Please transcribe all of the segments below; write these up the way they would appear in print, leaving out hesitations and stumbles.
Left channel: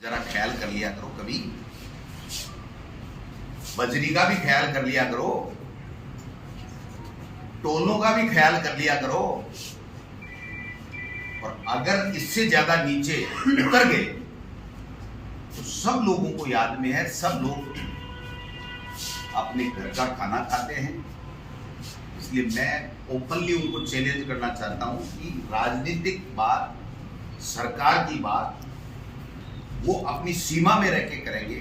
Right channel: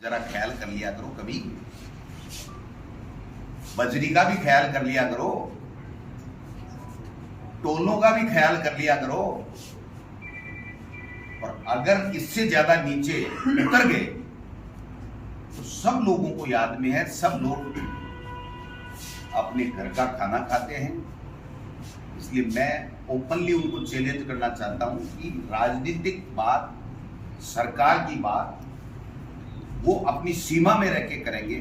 जरा ख्याल कर लिया करो, कभी बजरी का भी ख्याल कर लिया करो, टोलों का भी ख्याल कर लिया करो। और अगर इससे ज्यादा नीचे उतर गए तो सब लोगों को याद में है, सब लोग अपने घर का खाना खाते हैं। इसलिए मैं ओपनली उनको चैलेंज करना चाहता हूं कि राजनीतिक बात, सरकार की बात वो अपनी सीमा में रह के करेंगे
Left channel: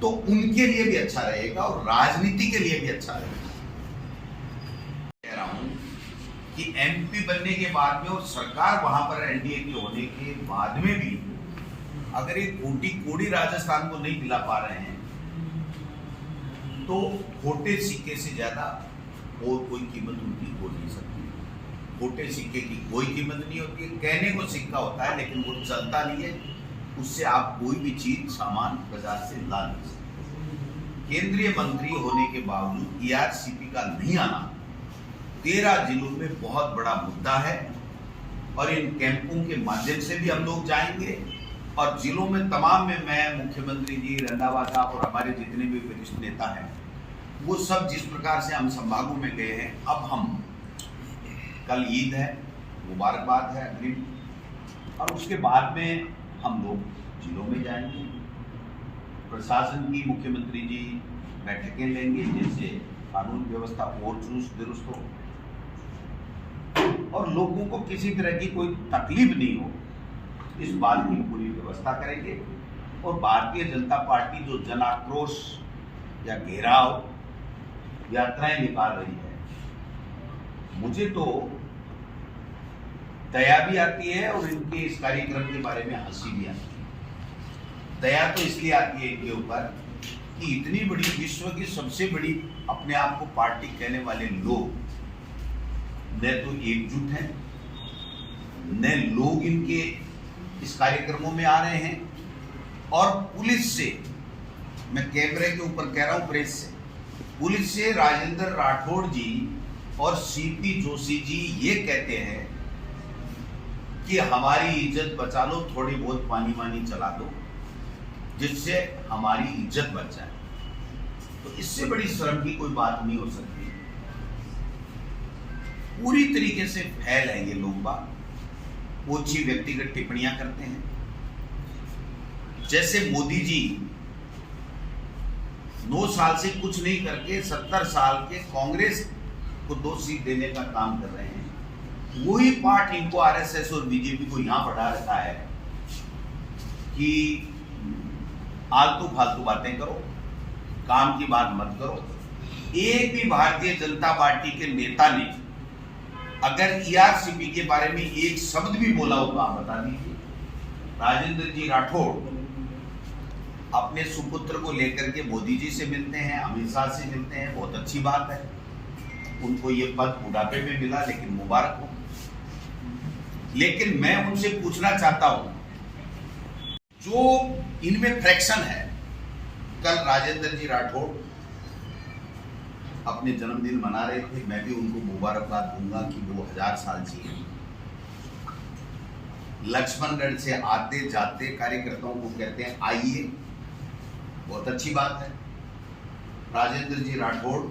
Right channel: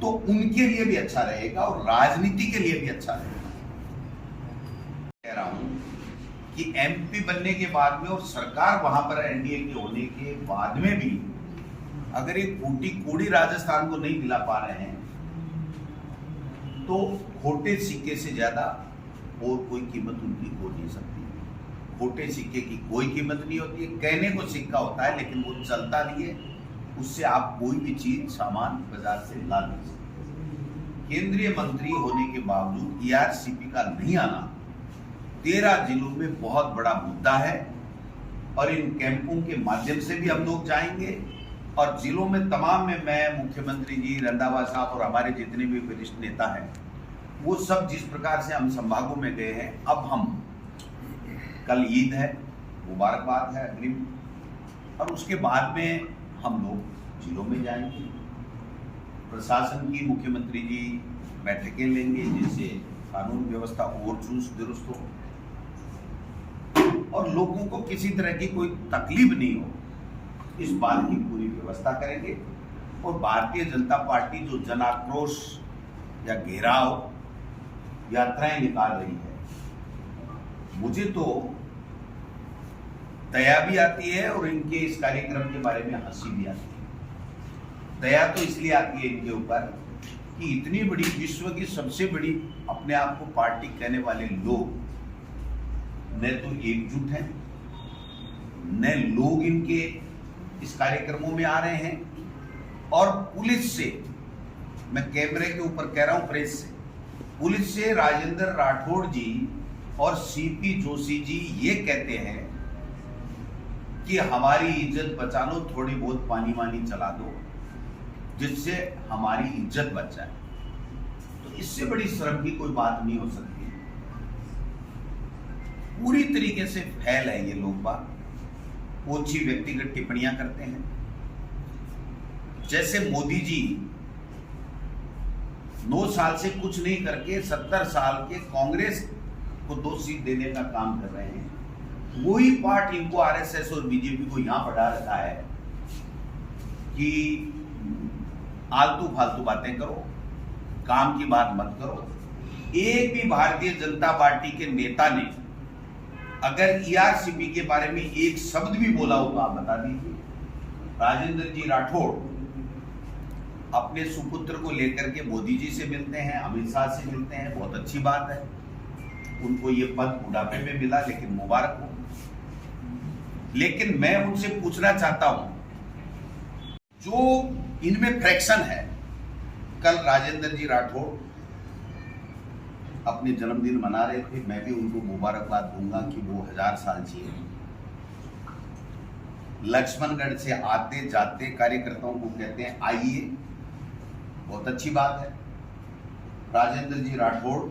तो उनके लिए भी अच्छा रहेगा और राजनीति के लिए भी अच्छा रहेगा। कह रहा हूं कि एमपी बनने के बाद में और सरकार वहां पर एनडीए के होने के बाद में भी अगर एक कोटी कोड़ी राजस्थान को नहीं दिला पा रहे हैं तो खोटे सिक्के से ज्यादा और कोई कीमत उनकी हो नहीं सकती। खोटे सिक्के की कोई कीमत नहीं होती है, कहने को सिक्का होता है लेकिन वो चलता नहीं है, उससे आप कोई भी चीज सामान बाजार से ला नहीं सकते। केंद्रीय मंत्री होने के बावजूद ईआरसीपी का नहीं आना 13 जिलों में बहुत बड़ा मुद्दा है और इन कैंपों के माध्यम से भी हम लोग जाएंगे और जिलों में तमाम में मैं, मुख्यमंत्री जी, रंधावा साहब और हमारे जितने भी वरिष्ठ नेता हैं वो सब जिस प्रकार से हम संभागों में गए हैं, अब हम कल ईद है, मुबारकबाद है अग्रिम, और उसके बाद में हम लोग जिलों में जाएंगे। प्रशासन की मुख्यमंत्री जी बैठकें लेंगे जैसे कानून व्यवस्था और चुस्त दुरुस्त हो और लोगों को किसी तरह की कोई तकलीफ नहीं हो, इस बात की पूरी व्यवस्था करेंगे। और भारतीय जनता पार्टी जो जन आक्रोश या घेराव यात्राएं निकाल रही है, मुझे तो दया भी आती है और इनके इस कार्यक्रम के बारे में हंसी भी आती है। दया तो इसलिए आती है इनके ऊपर कि इतनी बड़ी विश्व की सबसे बड़ी अपने आप को पार्टी कहने वाले लोग न तो एकजुट हैं, न लोग इनके इस कार्यक्रमों में आ रहे हैं। और पुलिस से, मैं कैमरे के ऊपर कह रहा हूं, प्रेस से, पुलिस से राजेंद्र राठौड़ जी और सीपी जोशी जी ये कहते हैं कि हमारी इज्जत बचा लो, थोड़ी बहुत पानी वानी चला दो जिससे हमारी इज्जत बच जाए। तो इससे बड़ी शर्म की कोई बात नहीं हो सकती। पूरी तरीके से फैल है ये लोग बात, ओछी व्यक्तिगत टिप्पणियां करते हैं। जैसे मोदी जी 9 साल से कुछ नहीं करके 70 साल के कांग्रेस को 2 सीट देने का काम कर रहे हैं, वही पार्ट इनको आरएसएस और बीजेपी को यहां पढ़ा रखा है कि आलतू फालतू बातें करो, काम की बात मत करो। एक भी भारतीय जनता पार्टी के नेता ने अगर ईआरसीपी के बारे में एक शब्द भी बोला हो तो आप बता दीजिए। राजेंद्र जी राठौड़ अपने सुपुत्र को लेकर के मोदी जी से मिलते हैं, अमित शाह से मिलते हैं, बहुत अच्छी बात है। उनको ये पद बुढ़ापे में मिला लेकिन मुबारक हो। लेकिन मैं उनसे पूछना चाहता हूं, जो इनमें फ्रैक्शन है, कल राजेंद्र जी राठौड़ अपने जन्मदिन मना रहे थे, मैं भी उनको मुबारकबाद दूंगा कि वो 1000 साल जिए। लक्ष्मणगढ़ से आते जाते कार्यकर्ताओं को कहते हैं आइए, बहुत अच्छी बात है। राजेंद्र जी राठौड़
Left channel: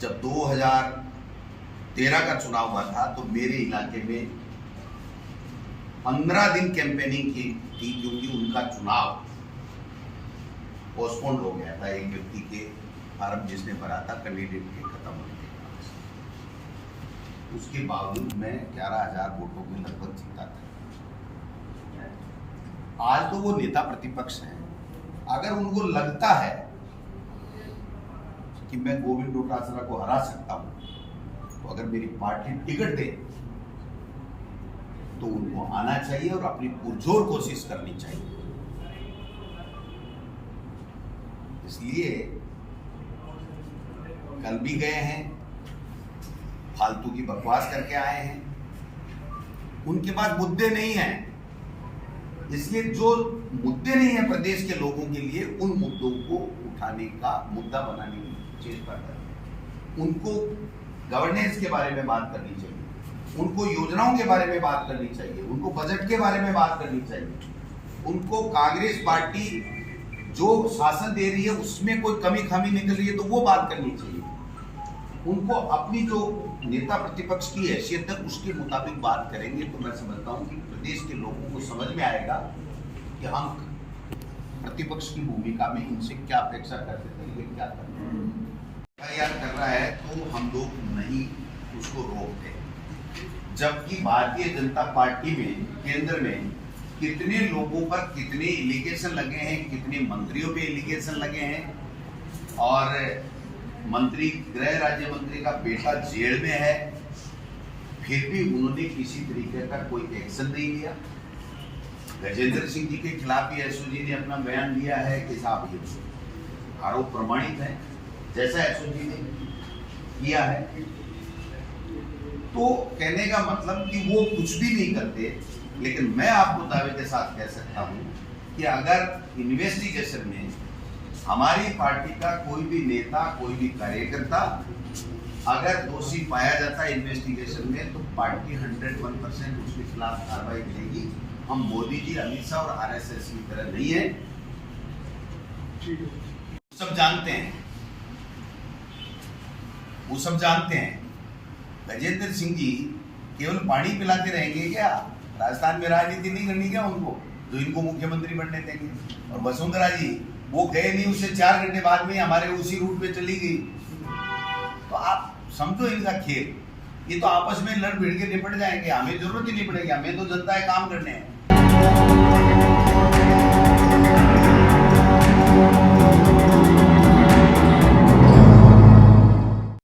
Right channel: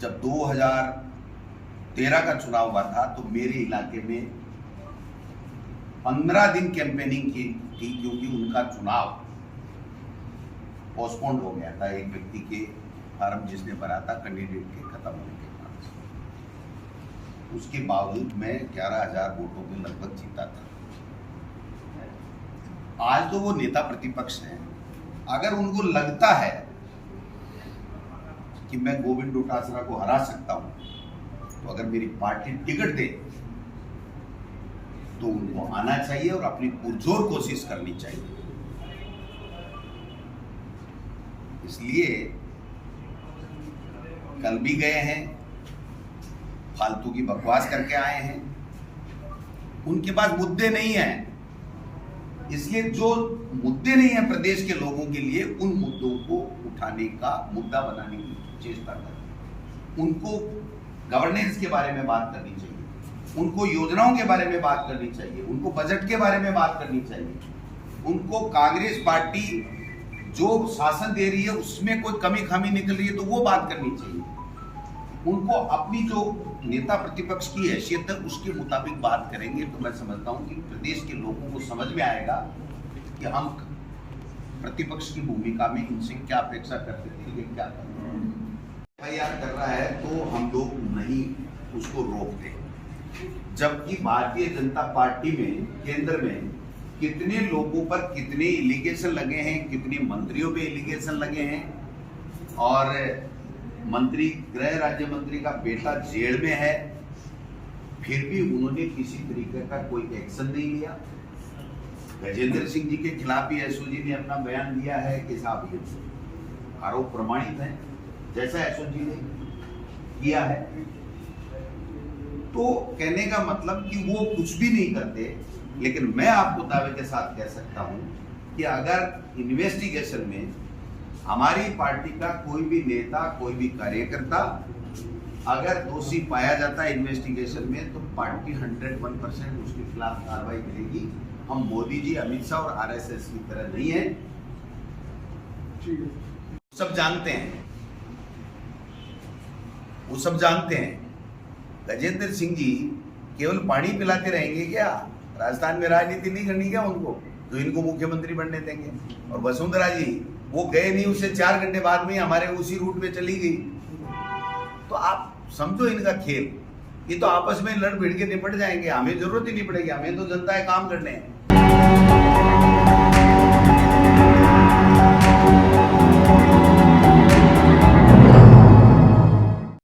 जब 2013 का चुनाव हुआ था तो मेरे इलाके में 15 दिन कैंपेनिंग की थी क्योंकि उनका चुनाव पोस्टपोन्ड हो गया था। एक व्यक्ति के फार्म जिसने भरा था कैंडिडेट के खत्म होने के बाद, उसके बावजूद मैं 11,000 वोटों के लगभग जीता था। आज तो वो नेता प्रतिपक्ष हैं, अगर उनको लगता है कि मैं गोविंद डोटासरा को हरा सकता हूं तो अगर मेरी पार्टी टिकट दे तो उनको आना चाहिए और अपनी पुरजोर कोशिश करनी चाहिए। इसलिए कल भी गए हैं, फालतू की बकवास करके आए हैं, उनके पास मुद्दे नहीं हैं। इसलिए जो मुद्दे नहीं है प्रदेश के लोगों के लिए, उन मुद्दों को उठाने का, मुद्दा बनाने की चेष्टा करें। उनको गवर्नेंस के बारे में बात करनी चाहिए, उनको योजनाओं के बारे में बात करनी चाहिए, उनको बजट के बारे में बात करनी चाहिए। उनको कांग्रेस पार्टी जो शासन दे रही है उसमें कोई कमी खामी निकल रही है तो वो बात करनी चाहिए। उनको अपनी जो नेता प्रतिपक्ष की हैसियत है उसके मुताबिक बात करेंगे तो मैं समझता हूं कि प्रदेश के लोगों को समझ में आएगा कि हम प्रतिपक्ष की भूमिका में इनसे क्या अपेक्षा करते थे, ये क्या करते हैं। एफआईआर कर रहा है तो हम लोग नहीं उसको रोकते, जबकि भारतीय जनता पार्टी में केंद्र में कितने लोगों पर कितने एलिगेशन लगे हैं, कितने मंत्रियों पे एलिगेशन लगे हैं, और मंत्री गृह राज्य मंत्री का बेटा जेल में है, फिर भी उन्होंने किसी तरीके का कोई एक्शन नहीं लिया। गजेंद्र सिंह जी के खिलाफ भी एसओजी ने अपना बयान दिया है कि साहब ये आरोप प्रमाणित है जैसा एसओजी ने किया है। तो कहने का मतलब कि वो कुछ भी नहीं करते, लेकिन मैं आपको दावे के साथ कह सकता हूं कि अगर इन्वेस्टिगेशन में हमारी पार्टी का कोई भी नेता, कोई भी कार्यकर्ता अगर दोषी पाया जाता है इन्वेस्टिगेशन में, तो पार्टी 101% उसके खिलाफ कार्रवाई करेगी। हम मोदी जी, अमित शाह और आरएसएस की तरह नहीं है। सब जानते हैं, वो सब जानते हैं। गजेंद्र सिंह जी केवल पानी पिलाते रहेंगे क्या? राजस्थान में राजनीति नहीं करनी क्या उनको, जो इनको मुख्यमंत्री बनने देंगे? और वसुंधरा जी वो गए नहीं, उससे 4 घंटे बाद में हमारे उसी रूट पे चली गई। तो आप समझो इनका खेल, ये तो आपस में लड़ भिड़ के निपट जाएंगे, हमें जरूरत ही नहीं पड़ेगी, हमें तो जनता है काम करने हैं।